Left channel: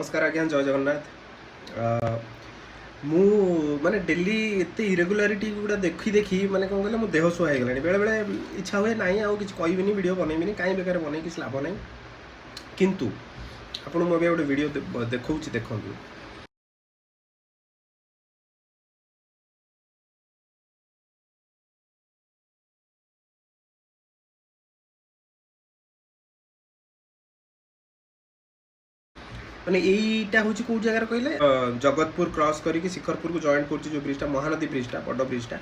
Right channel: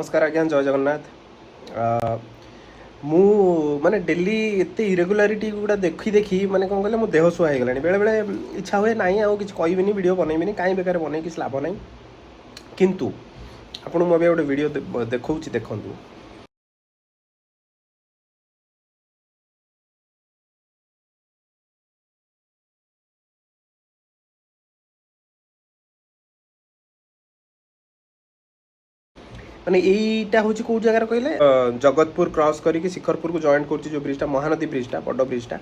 नमस्कार आज्ञा जय जगन्नाथ मु माने डेली एते इरेगुलारिटी गुड़ा देखी देखी माने कौन कहले मो देह सुहा गलानी बेले बेले इच्छा हुए नाई आउ किछ कहबिनी वीडियो बनैबिनी काई बेकार बनै किछ लाभ नै किंतु आपण मो गोटे वीडियो देखौछि देखंतु माने एटा होची को जगह कहले जगतपुर क्रॉस करी शिखरपुर को जॉइन करछि जो ब्रिजटा महानदी ब्रिजटा बड़ ब्रिजटा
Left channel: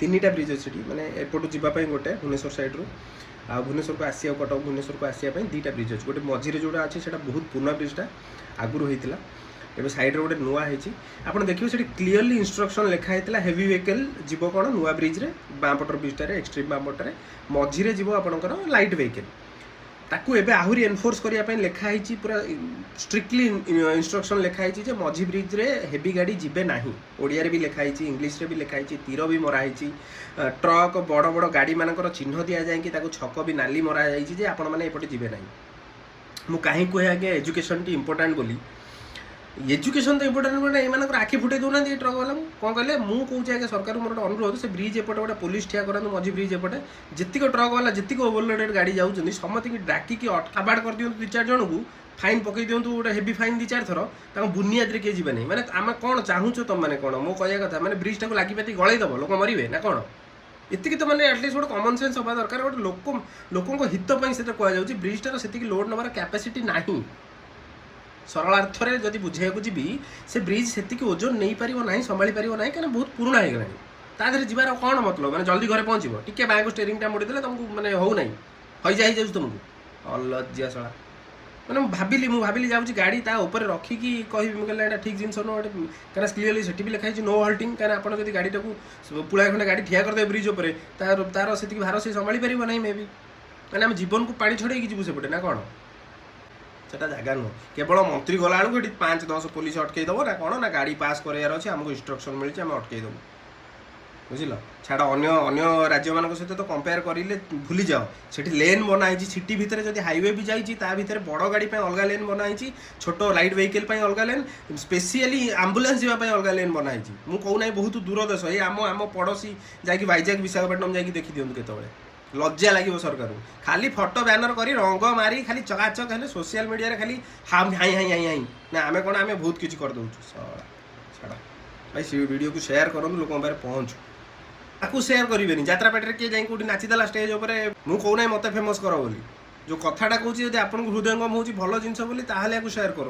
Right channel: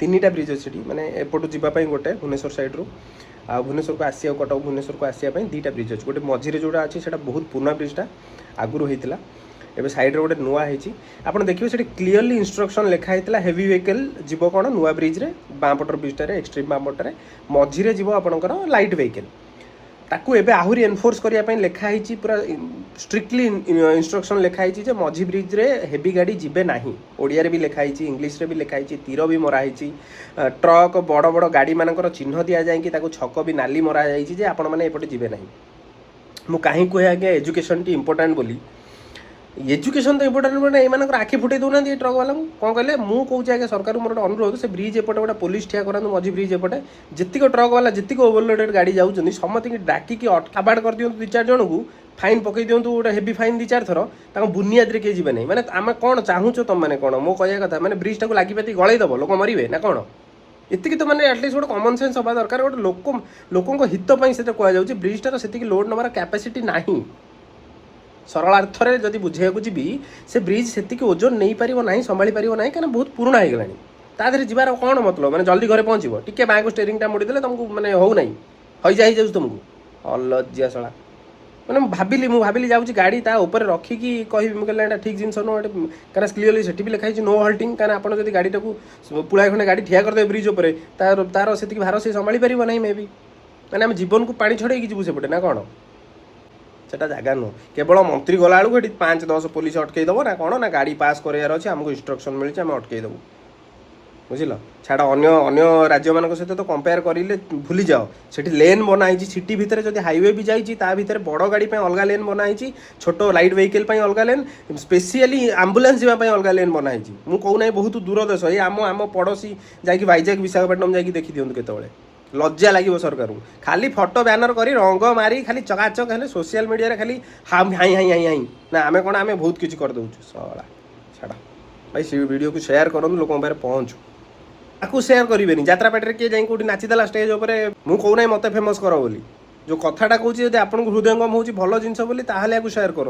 तीनटा ब्रिज अछि माने एपटू जिबा पई गोटे भुवनेश्वर साइड रू आ भुवनेश्वर को आसिया कटक भुवनेश्वर को आसिया पई दीटा ब्रिज अछि गोटे मझिरे जोडा अछि सेटा बहुत पुराना ब्रिजटा आगुरु हेतिला एबे साइड रे गोटे नुआ हेछि आपण देखियो सेठी क्लियरली इंस्ट्रक्शन लिखा हेतिला हेवी व्हीकल जीवो कोन नुआ ब्रिज रे बांपटर ब्रिजटा रे एक्सट्रीम बांपटर रे मझिरे जीवो आपणकर लाइट व्हीकल ताकू एबे आहुरी एनफोर्स करिया पई लेखा हिची पूरा स्ट्रिक्टली इंस्ट्रक्शन लेखा हिची जे मझी ब्रिज रे हेवी गाड़ी जिबे नाही ओडिया रे भी लेखा हिची इंग्लिश रे भी लेखा हिची तीर भी मरा हिची ट्रक बड़ बड़ गाड़ी मानकर चिन्ह दिया जाय कि ताकू छक भी नाली मरा जायची जे आपण माने एपटे जिबे नाही मु काहे कोहे आगे एजुकेशन टी इंपोर्टेंट बोली एजुकेशन तो इंपोर्टेंट बोले एमानकर आखि फुटे दउना ट्रक वाला कोन कहले मु कहूचे आगे सरकार मोर अनुरोध से ब्रिज एपटे गोटे पुलिस ठिया करन मझी ब्रिज एपटे जतिक ट्रक वाला जतिक ओवरलोडेड गाड़ी जाउछन समति डाकी की अबाड कर दियंतु 2-4 जन को फाइन पकई दियंतु गोटे हेवी फाइन 2-4 थर ताको बुनियाद रे के जिबे नै माने आमे कोन चाहूचो तुम माने कोन मो कहया कथा माने ब्रिज टाको लागि पेती गळै दबो लोक मरिबे ना कोन एतिकी तो माने एटलीस्ट गोटे कॉमन सेंस होबा दरकार गोटे लोकन हित पई सेटा कहया जाउची ब्रिज टार सेतिकी लोड नबार कैपेसिटी नाही सरल अर्थरे जदि बुझे को जी से ब्रिज से ओजन नहीं पार ना संभाली पार ना कहीं बहुत पुराना हो गलानी तादे जीवार कौन मतलब मैंने जल्दी घरे पहुँचो टी बैक स्टेरिंग मुड़ीदे तुमको मैंने हो ना हईजा हो तुमको अलजिया शला मैंने भाविली जाऊँगी गाड़ी ता ऊपर रखिकी कह ठीक जिन कहीं क्लीयरली से भी लिखाई नो हल्टिंग कहीं आप गाड़ी टाक पुड़ा खंडे गाड़ी ठिया करदे ब्रिज उपर तार से भार से संभाली पार ना मे भी मैंने आम जीवन को पानी छड़े जीवु सेपटे ना कौन सेटा जगह नुह केवल मंत्री गला बेलू 5-10 पुलिस अटकईदेव ना कौन ना गाड़ी पास करार अच्छे आमको इंस्ट्रक्शन मिली आम अटकईदेव बुझल छाड़ अन्य राज्य मान सहित तो कंपेयर करें भूली जाओ सेठी लेन बनाई सिटी भितर जब हाईवे भी जाइए बड़ गाड़ी अलग लेन बनाई छोट लाइट व्हीकल अलग लेन स्पेशली आंबुलांस जावाई अलग लेन बनाई मुझे कहूना बहुत दूर देश ये आम पड़ोशी जाकि वाइजाग विशाखापट्टनम जाकि देखी दिखाँ केतवे लज्जा लगे सरकार खाली फोटो बैनर करी रंग मारी खाली चकाचक है सोशल मीडिया खाली high high high high high ना आम कौन आम बहुत किसी कर सला छाड़ा भाई वीडियो को शेयर करूँ लोक पाखे पहुँचू आपको शेयर करेंगे यात्रा पार्टी किए जाए कौटी नाचीदेला स्टेज उपर मुझे कहूना मत फेमस कर बोली जो कथाटा कहूँ आपको हृदयंगम हो भल जिन शेयर करूँ।